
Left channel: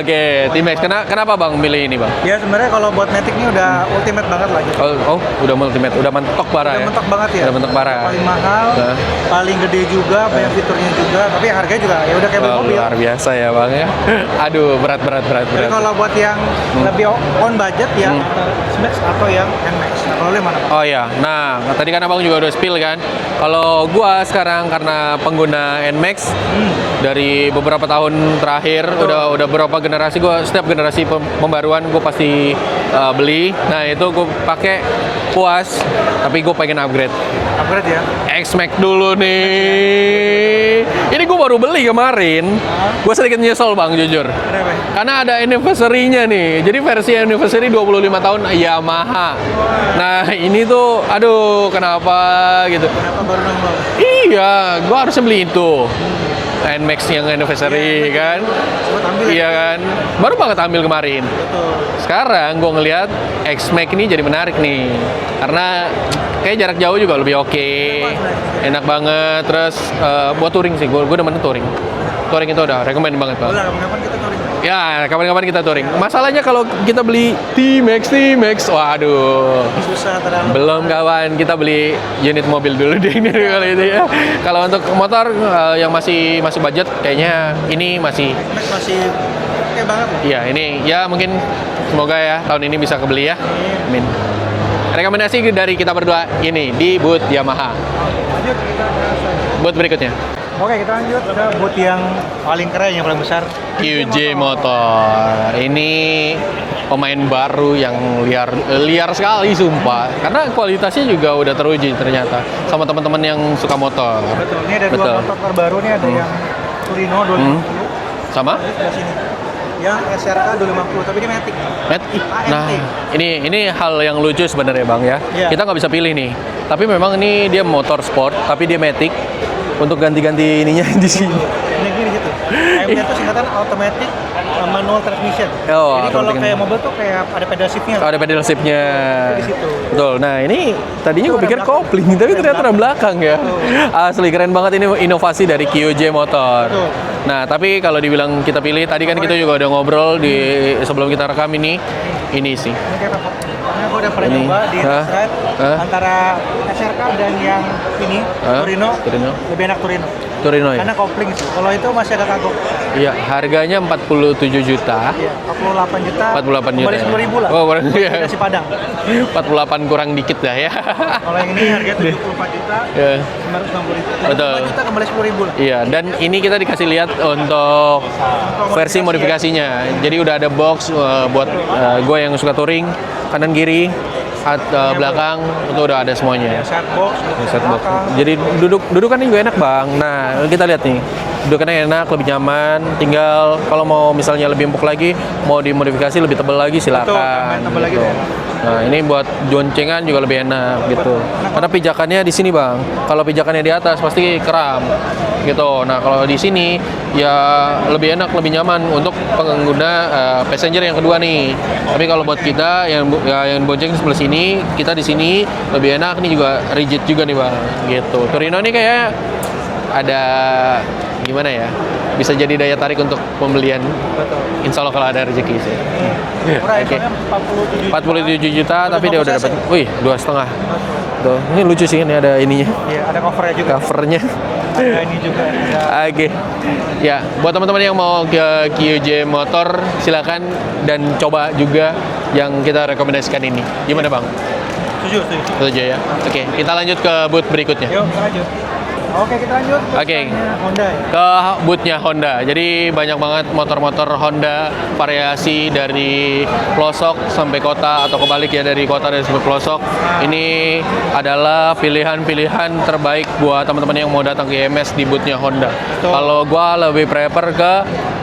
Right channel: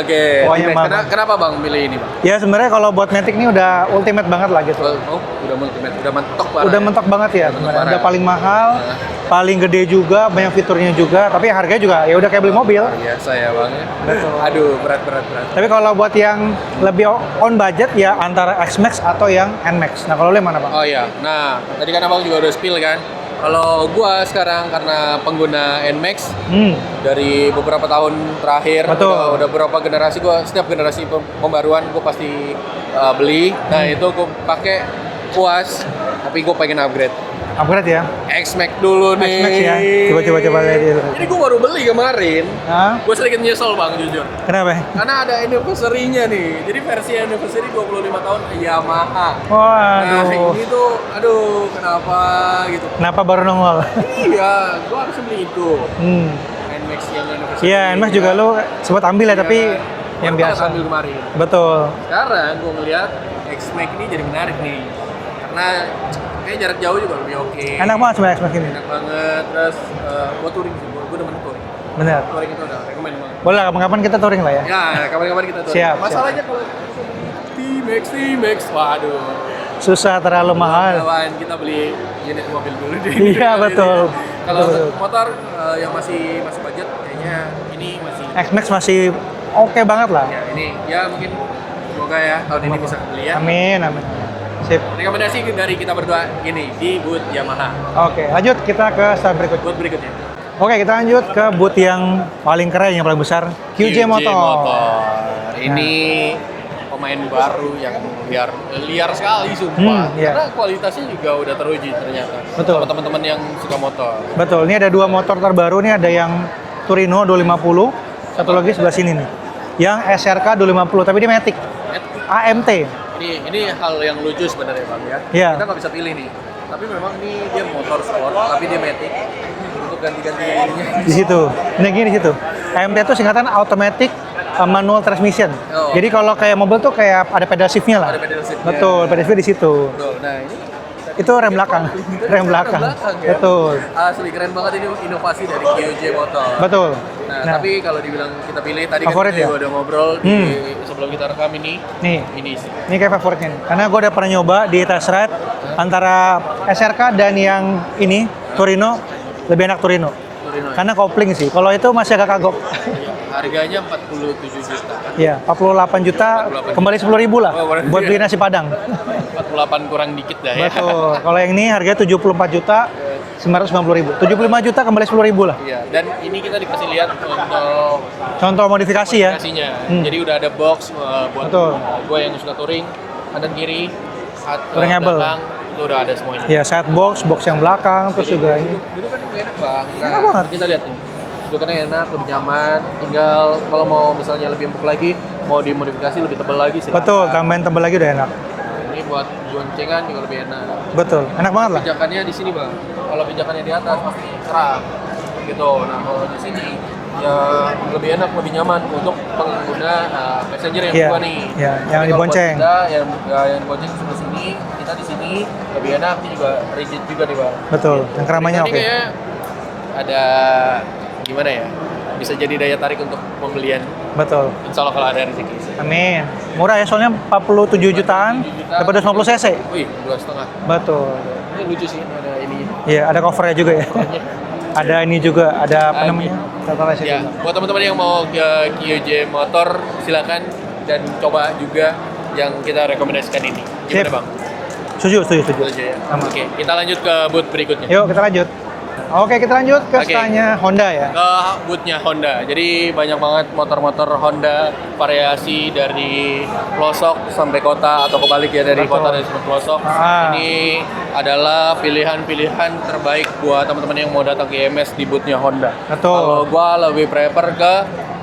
Oke, Oh, T-Max. Yamaha. Kenapa Bang milih ini Bang? Ya sebenarnya kalau buat Matic ini udah ultimate banget lah gitu. Oh, udah ultimate, udah mentok parah. Udah ya? mentok banget ya. Udah mentok parah. Udah paling mahal, Nah. paling gede juga, banyak fiturnya juga, tapi harganya juga ya udah kayak beli Wah, mobil. Luar biasa ya Bang ya. Aduh, berat. Tapi kalau buat yang lebih on budget ya antara X-Max atau yang N-Max. Nah, kalau lo yang mana, Pak? Oh iya, nah tadi kan abang juga udah spill kan. Kalau gua sekarang karena pengguna Nmax dari beberapa tahun terakhir, Betul. udah beberapa generasi gua, setiap generasi pembaruan gua pasti beli. Nah itu gua pakai puas, tapi gua pengen upgrade. Upgrade ya. X-Max dulu nih. X-Max ya. Coba lihat dulu. Ini gua baru beli kemarin. Hah? Gua sedikit nyesel bang jujur. Kenapa? Karena ada anniversary-nya nih. Jadi versi anniversary 25 tahun Yamaha. Wah. Nah, ini tuh aduh kenapa gitu. Kenapa baru nongol? Iya, gua harusnya beli itu. Nmax yang anniversary. Iya, N-Max juga kan. lu sempat ambil ya, Iya tapi kan? baru yang banget biasa. ambil kemarin. Betul. Sekarang gua ngelihat X-Max ini jadi menarik nih. Karena kayak jarak jauh juga lebih oke. Enak banget sebenarnya X-Max ini. Enak banget. Terus buat touring sih, gua demen touring. Benar. Touring itu udah rekomend banget. Bang. Boleh, kapan-kapan kita touring lah ya. Ya, kapan-kapan kita touring. Siap, Masalahnya kalau kita beli T-Max, waduh. Susah terlalu Belum mahal. kawan, kita beli unit mobil dulu deh ini. Iya, kalau betul. ini ya. Kalau Betul. untuk motor yang masih budget, kayaknya ini masih. X-Max masih oke banget lah. Iya, ini ya mungkin semoga ya tahun ini bisa kebeli ya. Amin. Amin. Sip. Rekomendasi dari kita berdua ini di booth Yamaha. Oke, lanjut kita ke stand berikutnya. Booth berikutnya. Oke, kita lanjut ke booth yang paling keren, yang paling besar, QJ Motor. Ini pemain baru yang liar sekali sumpah. Iya. Karena kualitasnya juga udah teruji ternyata. Betul. Sama teman-teman yang suka motor. Betul, ini ada dua Betul. motor terbaru nih, ada yang Torino 250, satu Sama? lagi sebelah sini nih. Yang SRK 250, tapi ini Matic. AMT. Nah, ini hal yang lucu sebenarnya Bang ya. Iya. Kita nggak bisa pilih nih. Tapi memang ini dia motor sport, tapi dia matic. Untuk ganti-ganti ininya Di situ. Ini gini di situ. AMT itu singkatan automatic manual transmission. Oh, Jadi kalau automatic. kayak mobil tuh kayak ada pedal shiftnya lah. Ada pedal shiftnya. Betul, pedal shift di situ. Betul. Nah ini tadinya Itu gue rem pikir belakang. kopling, tapi Rem ternyata rem belakang. belakang ya. Betul. Asli keren banget ini inovasi dari QJ Motor. Betul. Nah, tapi kalau dibilang kita pilih, tadi kan Favorit kita ya? juga udah ngobrol di sebelum kita rekam ini. Nih. Ini sih. Ini kayak favoritnya. Karena gue udah pernah nyoba di test ride antara SRK dan yang ini Torino. Lebih enak Torino. Torino ya? Karena kopling sih. Kalau itu masih agak kagok. Iya, harganya 47 juta. Iya, 48 juta. 48 Kembali juta. 10.000 lah. Oh, buat iya. beli nasi Padang. 48 kurang dikit dah ya. Betul. Kalau yang ini harganya 74 juta, Iya. 950.000. 75 Betul. juta kembali 10.000 lah. Iya, dan ini kita dikasih lihat untuk Contoh versi modifikasi ya. modifikasinya. Jadi udah ada box buat Betul. gue yang suka touring, kanan kiri, Udah nyaman belakang itu udah ada semuanya. Ya, saat box yang Set belakang. box. Jadi terus juga- dudukannya juga enak bang. Nah banget. kita lihat nih, dudukannya enak, lebih nyaman. Tinggal kalau mau misalnya lebih empuk lagi, mau dimodifikasi lebih tebal lagi silakan. Betul, tambahin tebal lagi udah enak. Nah ini buat goncengan juga lebih enak gitu. Betul, enak Karena banget. pijakannya di sini bang. Kalau pijakannya di atas pasti kram gitu. Nah kalau di sini ya lebih enak, lebih nyaman untuk pengguna passenger yang Iya, kedua nih. iya. Tapi Yang kalau buat dibonceng. kita yang bonceng sebelah sini, kita di sini lebih enak. Ini juga rigid juga nih bang. Betul. Gitu. Yang Torino keramanya ini oke. kayak ada gimana ya? Bisa jadi daya tarik untuk pembelian. Betul. Insya Allah kalau ada rezeki sih. Amin. Murah ya, soalnya 47 jutaan. 47 juta dapat tapi dia 250 udah cc. dapat. Wih, 2,5. Betul. Tuh, ini lucu sih, ini ada ininya. Iya, ada covernya juga. Ya. Covernya. Ada ini juga, ada Oke. contohnya sih. Ya, buat teman-teman yang mau ke QJ Motor, silakan dan coba juga yang kita rekomendasikan ini. Gimana Sip. bang? Setuju. Itu aja ya. Oke, kita lanjut ke booth berikutnya. Yuk, kita lanjut. Oke, kita lanjut ke Oke. stylenya Honda ya. Ke boothnya Honda. Jadi banyak banget motor-motor Honda variasi dari pelosok sampai kota atau kebalik ya dari kota dan sampai pelosok. Ah. Ini adalah pilihan-pilihan terbaik buat teman-teman yang mau datang ke IMS di boothnya Honda. Betul. Kalau gua lebih prefer ke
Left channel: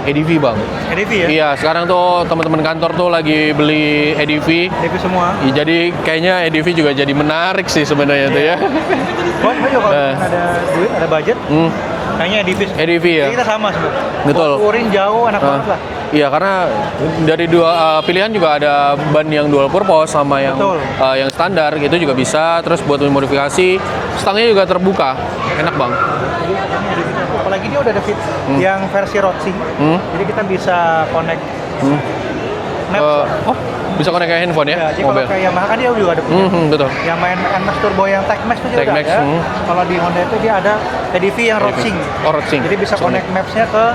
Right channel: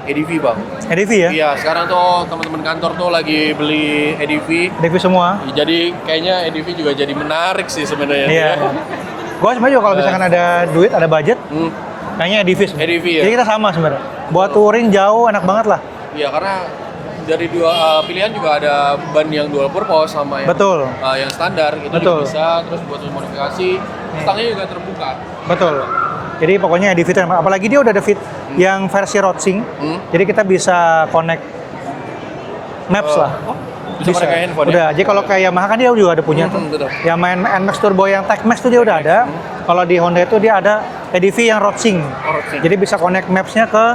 EDV bang. EDV ya. Iya, sekarang tuh teman-teman kantor tuh lagi beli EDV. EDV semua. Ya, jadi kayaknya EDV juga jadi menarik sih sebenarnya tuh Iya. ya. Gua sebenarnya kalau misalkan ada duit, ada budget, Hmm. kayaknya EDV. sebenarnya. EDV ya? Jadi kita sama sebenarnya. Betul. Buat touring jauh, enak banget lah. Iya, karena dari dua pilihan juga ada ban yang dual purpose sama yang Betul. yang standar gitu juga Betul. bisa. Terus buat modifikasi, stangnya juga terbuka. Betul. Enak bang. Jadi pokoknya EDV itu enak. Apalagi dia udah ada fit yang versi Rodsing. Hmm. Jadi kita bisa connect maps lah. Oh, bisa pakai kayak handphone ya? Udah, jadi kalau Mobil. kayak Yamaha kan dia juga ada punya. Betul. Yang main NMAX Turbo yang TechMax itu dia udah TechMax, ada. Kalau di Honda itu dia ada EDV yang Rodsing. Oh, Rodsing. Jadi bisa connect maps-nya ke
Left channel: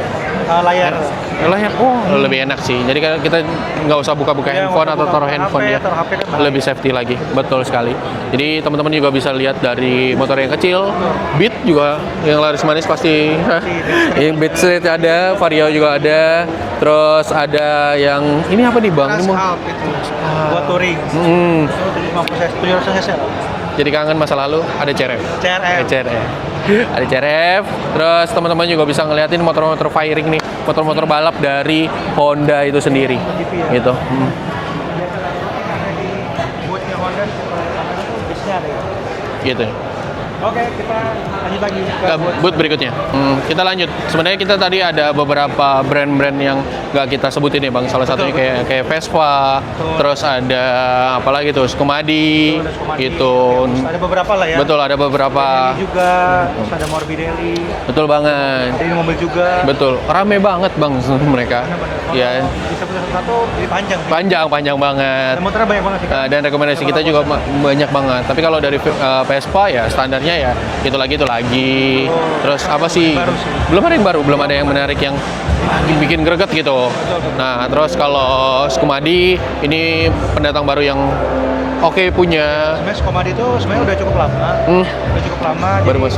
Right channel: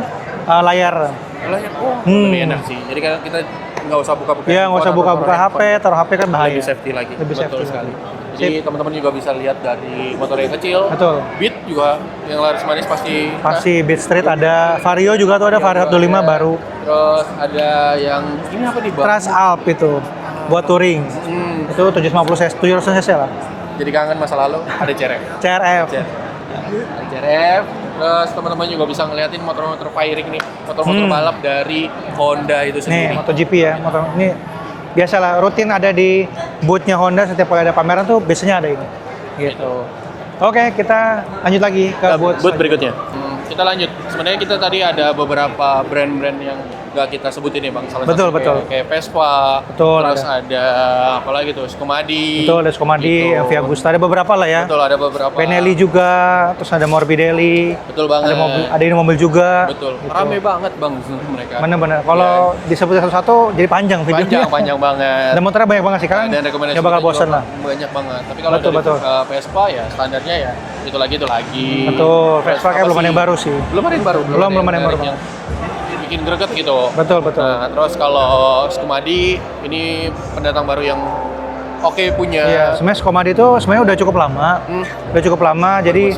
layar. Layar, lebih enak sih. Jadi kan kita nggak usah buka-buka Iya, nggak handphone usah atau taruh buka-buka handphone HP, ya. taruh HP kan bahaya. Lebih safety lagi, betul sekali. Jadi teman-teman juga bisa lihat dari motor yang kecil, Betul. Beat juga yang laris manis pasti. Masih Beat Street Iya, ada, Beat Street Vario juga ada, Vario Vario juga 25 ada. baru. Terus ada yang ini apa nih bang? Trans Alp itu buat touring. Itu 750 cc, 700 cc lah. Jadi kangen masa lalu ada CRF. CRF. Ada CRF, terus teman-teman juga bisa ngeliatin motor-motor firing nih, motor-motor balap dari Honda itu sendiri. Nih, MotoGP ya. Gitu. Ini biasalah rutin ada di booth-nya Honda setiap kali ada pameran tuh biasanya ada itu. Gitu. Oke, kita lanjut lagi ke Booth berikutnya. Kita lanjut. Sebenarnya kita tadi ada beberapa brand-brand yang nggak kita sebutin ya bang. Salah Betul, satunya kayak Vespa, Betul, terus ada apa lagi tuh, Skumadi. Betul, ada Skumadi, gitu. Via Gusta, ada beberapa lah ya. Betul, ada beberapa. Benelli juga, terus ada Morbidelli. Betul banget. Ada ini mobil juga. Betul. Rame banget bang mereka. Bener-bener. Kalau Ya, disebut satu-satu jadi panjang. sih. panjang banget. Dan motornya banyak banget sih kan. Dan rekomendasi Coba kita nggak juga bosan lah. banyak banget. Tapi kalau Betul, dari betul. Vespa ya standarnya ya itu lagi. Betul. Terus Vespa apa belum sih? ada yang baru sih. Belum ada yang baru, belum ada yang ada yang menarik baru. yang bikin greget gitu. Betul. Nah, terus kalau Skumadi ini pendatang baru yang oke punya. Iya, sebenarnya Skomadi itu sebenarnya udah cukup lama. Udah cukup lama. Jadi Mas.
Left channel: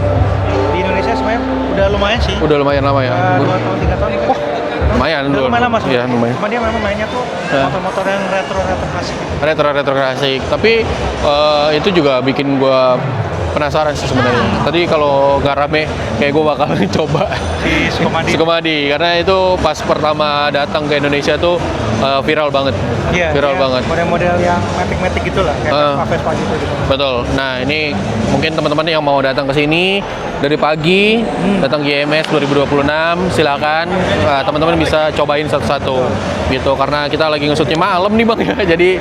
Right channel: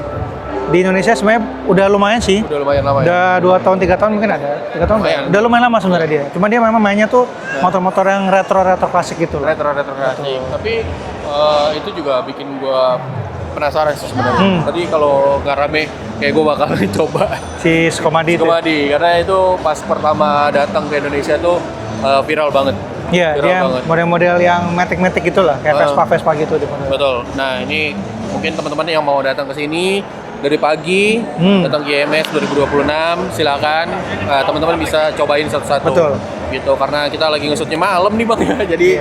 di Indonesia sebenarnya udah lumayan sih. Udah lumayan lama ya. Udah 2 tahun 3 tahun mungkin ada. Lumayan. Udah lumayan lama sebenarnya. Iya, lumayan. Cuma dia memang mainnya tuh Ya. motor-motor yang retro klasik gitu. Retro klasik. Tapi itu juga bikin gua penasaran sih sebenarnya. Tadi kalau nggak rame, kayak gue bakal coba Si Skomadi. Skomadi karena itu pas pertama datang ke Indonesia tuh viral banget. Iya, Viral dia banget. model-model yang matic-matic gitu lah, kayak Vespa gitu. Betul. Nah, ini mungkin teman-teman yang mau datang ke sini dari pagi, datang GMS 2026, silakan teman-teman bisa cobain satu-satu. Betul. Gitu, karena kita lagi ngesutnya malam nih Bang ya. Jadi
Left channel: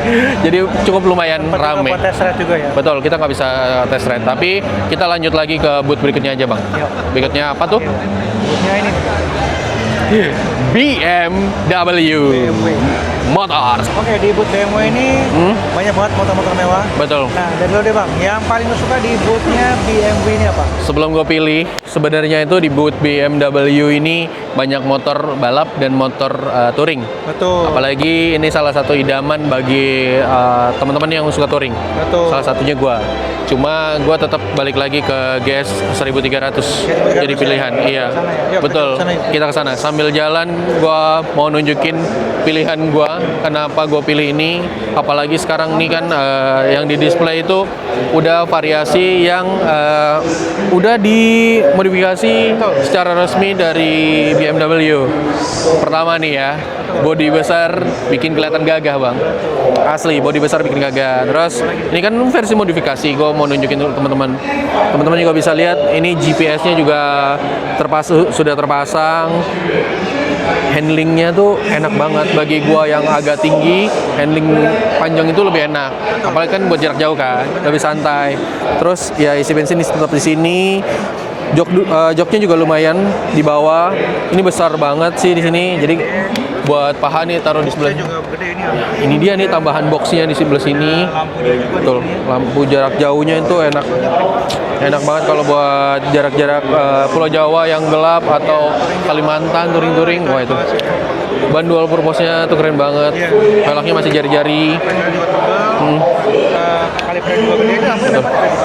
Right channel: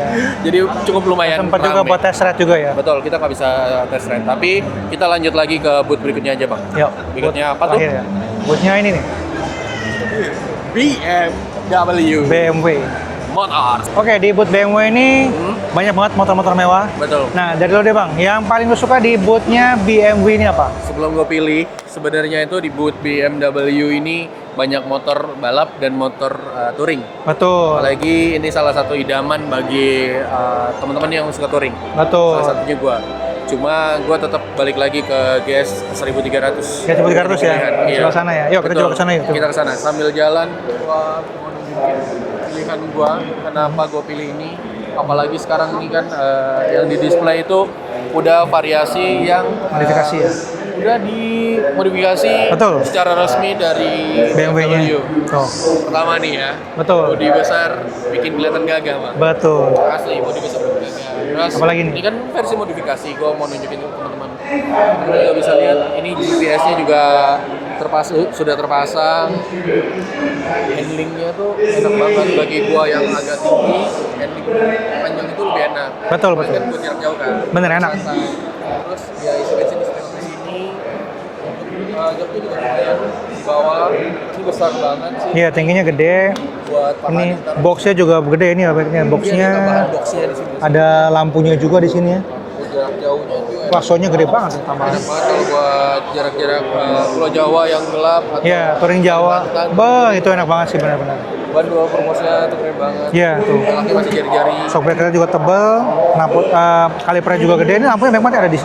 cukup lumayan Tempat juga rame. buat test ride juga ya. Betul, kita nggak bisa test ride, tapi kita lanjut lagi ke booth berikutnya aja Bang. Yuk. Berikutnya apa tuh? Bootnya ini nih, BMW BMW. Motors. Oke, di booth BMW ini banyak banget motor-motor mewah. Betul. Nah, dari lo deh Bang, yang paling lo suka di boothnya BMW ini apa? Sebelum gue pilih, sebenarnya itu di booth BMW ini banyak motor balap dan motor touring. Betul. Apalagi ini salah satu idaman bagi teman-teman yang suka touring. Betul. Salah satunya gue. Cuma gue tetap balik lagi ke GS 1300 jadi pilihan. Ya? Iya. Sebelah sana ya? Yuk, kita betul. kesana yuk. Kita kesana. Sambil jalan, gue mau nunjukin pilihan gue. Kenapa gue pilih ini? Apalagi sekarang nih kan yang di display itu udah variasi yang udah dimodifikasi Betul. secara resmi dari BMW. Pertama nih ya, Betul. bodi besar bikin kelihatan gagah bang. Betul. Asli, bodi besar bikin gagah. Terus Apalagi nih? ini kan versi modifikasi, gue mau nunjukin untuk teman-teman. Teman-teman juga bisa lihat, ini GPS-nya juga sudah terpasang. Handlingnya tuh enak banget bagi gue yang agak tinggi, handling panjang itu lebih enak. Betul. Apalagi kan buat jarak jauh kan, Bener, lebih enak. santai. Terus ya isi bensin tetap di sini. Joknya juga lumayan di bawah. Ini besar banget sih di Iya, sini. tingginya Jadi gede. buat paha nih taruh di Boxnya sebelah. juga gede ini ya. Ini dia nih tambahan boxnya di sebelah sini. Ada lampunya juga di Betul. sini ya. Lampu jarak jauhnya itu enak. Baksonya gede banget. Enak banget kalau buat jarak-jarak Pulau Jawa yang gelap atau Iya, touring Jawa. Kalimantan, Wah, touring-touring. itu Wah, enak banget sih. bener. Ban dual purpose-nya tuh keren banget. Iya. Velgnya masih jari-jari. Shockbreaker juga tebal, lampu kalipernya juga gede. Ini lampunya memang ada di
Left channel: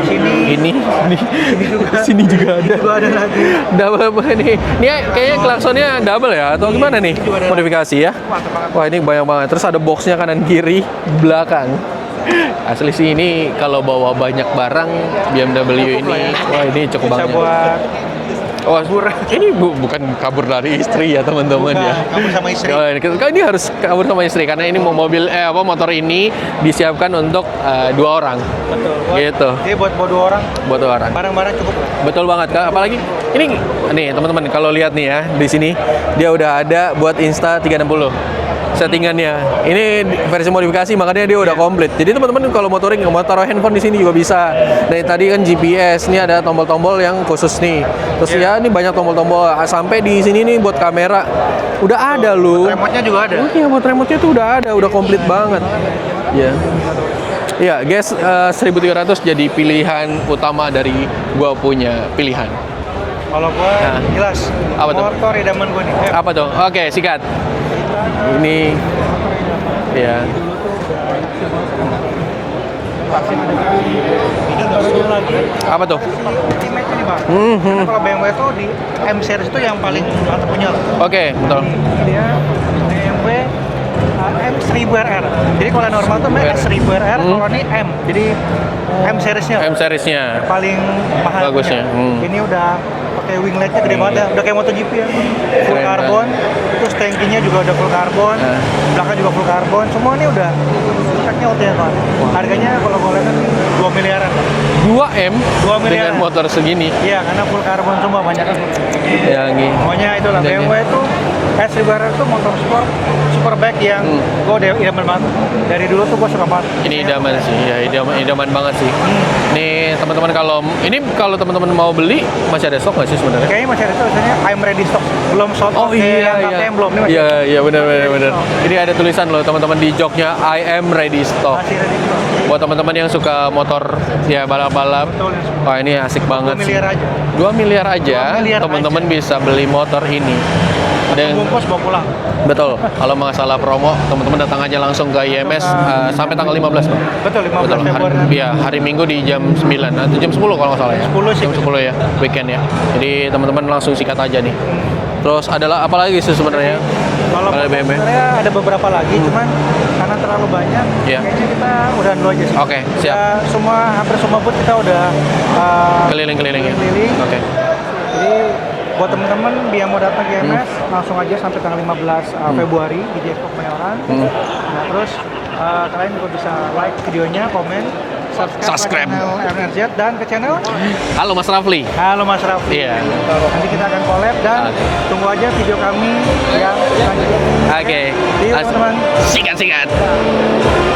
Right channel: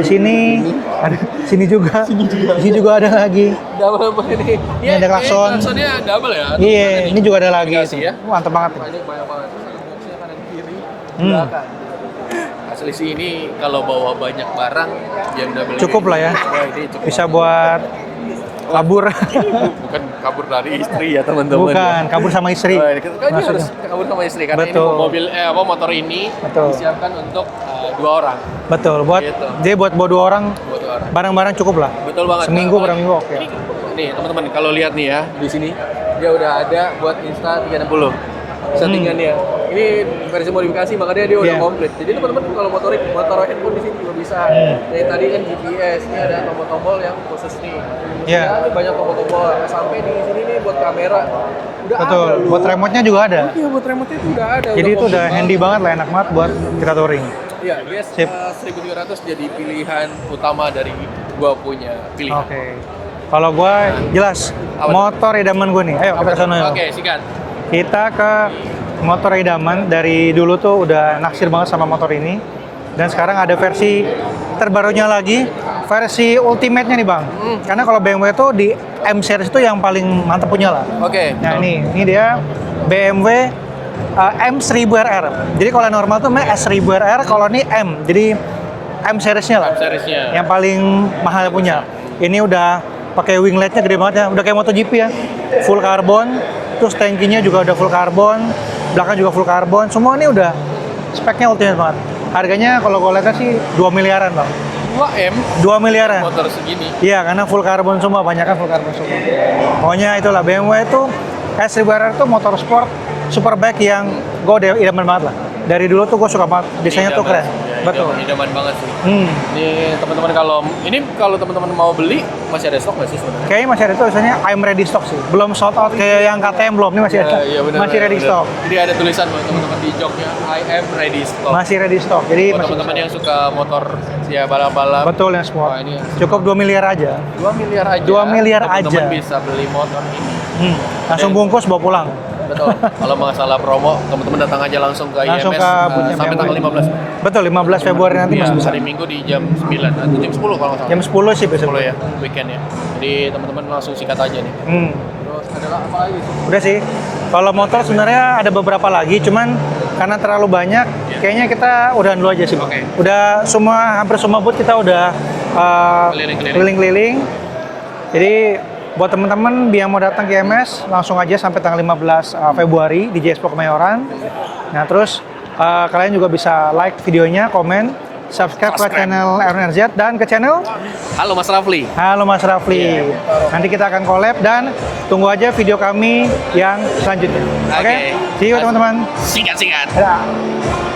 sini. Ini. Ada di sini juga. Sini juga ada. Sini juga ada lagi. Double apa ini? Ini Ini ada kayaknya klakson. klaksonnya double ya? Atau Iya, gimana nih? ini juga ada modifikasi lagi. ya? Mantap banget. Wah ini banyak banget. Terus ada boxnya kanan kiri, belakang. Asli sih ini kalau bawa banyak barang BMW Cukup ini. lah ya. Wah ini cukup Bisa banget. buat Oh, kabur. Ini bukan kabur dari istri ya teman-teman bukan ya. kabur sama istri. Oh, ini harus kabur sama istri karena ini Betul. motor ini disiapkan untuk 2 orang. Betul. Buat Gitu. Jadi buat bawa 2 orang, Buat 2 orang. barang-barang cukup lah. Betul banget. Nah, Seminggu apalagi kan, kok. ini nih teman-teman kalau lihat nih ya di sini dia udah ada buat Insta 360 settingannya. Ini versi modifikasi makanya dia udah Iya. komplit. Jadi teman-teman kalau mau touring mau taruh handphone di sini juga bisa. Dari tadi kan GPS, ini ada tombol-tombol yang khusus nih. Terus Iya. ya ini banyak tombol-tombol sampai di sini nih buat kamera udah Betul. ada loh. Buat remote-nya juga ada. Oh iya buat remote-nya tuh udah ada, Jadi udah itu komplit udah handy banget. banget lah, enak banget buat kita touring. Iya, guys, 1300 jadi pilihan utama dari gua punya pilihan. Kalau gua jelas Apa tuh? motor idaman gua nih. Apa kita tuh? sana. Oke, sikat. Kita ke Ini. motor idaman dari Iya. dulu tuh udah naksir banget sama motor ini. Dan sekarang ada versi terbarunya lagi, Apa tuh? versi ultimate-nya nih bang. Karena kalau BMW itu di M series itu yang paling mantap punya lah. Oke, Nah betul. ini dia BMW M1000RR. Jadi kalau yang normal tuh S1000RR, kalau ini M. Jadi M seriesnya. M series-nya. Yang paling mahal Bagus punya. ya. Ini udah pakai wingletnya gede banget ya, udah kayak MotoGP ya. Full Keren karbon, terus tankinya juga udah full karbon, belakang juga full karbon. Semua ini udah speknya ultimate banget. Harganya kalau gue lihat sih 2 miliaran bang. 2M 2 miliaran. dengan motor segini. Iya, karena full karbon semua, banyak kan full karbon. Yang ini. Pokoknya itulah BMW itu S1000RR itu motor sport superbike yang gue udah idaman banget lah. Dari dulu tuh gue suka banget. Ini Desainnya tuh idaman keren. sih, ya, Betul. idaman banget sih. Hmm. Nih teman-teman kalau teman-teman mau beli masih ada stok nggak sih sebenarnya? Kayaknya masih ada tuh tulisannya I'm ready stock sih. Belum sold out kayak yang KTM belum. Ini masih iya, ada. iya benar Masih benar ready benar. stock. Ini ada tulisan loh teman-teman di joknya I am ready stock. Masih ready stock. Jadi Buat teman-teman yang suka motor ya balap-balap. betul ya semua. Wah, ini asik Cukup banget. 2 miliar sih. aja. 2 miliar aja. 2 miliar teman-teman aja. bisa beli motor ini. Langsung bungkus bawa pulang. Betul. Kalau masalah promo, teman-teman datang aja langsung ke Langsung IMS ke sampai tanggal 15, Bang. Betul, 15 Februari nanti. Iya, Mas. hari Minggu di jam 9 atau jam 10 kalau nggak salah. Jam 10 sih, Jam 10 ya, weekend ya. Jadi teman-teman langsung sikat aja nih. Terus adalah apa lagi sih Udah sih. sebenarnya? Kalau Oleh motor BB. sebenarnya ada beberapa lagi, cuman karena terlalu banyak, Iya. kayaknya kita udah dulu aja sih. Oke, Udah hampir semua booth kita udah keliling-keliling. Oke. Jadi buat teman-teman yang mau datang ke IMS, langsung aja sampai tanggal 15 Februari di J Expo Kemayoran. Nah terus kalian juga bisa like videonya, komen, subscribe ke channel RNRZ dan ke channel Halo Mas Rafli. Halo Mas Rafli. Iya. Nanti kita akan collab dan tunggu aja video kami yang selanjutnya. Oke. See you teman-teman. Sikat-sikat. Dadah.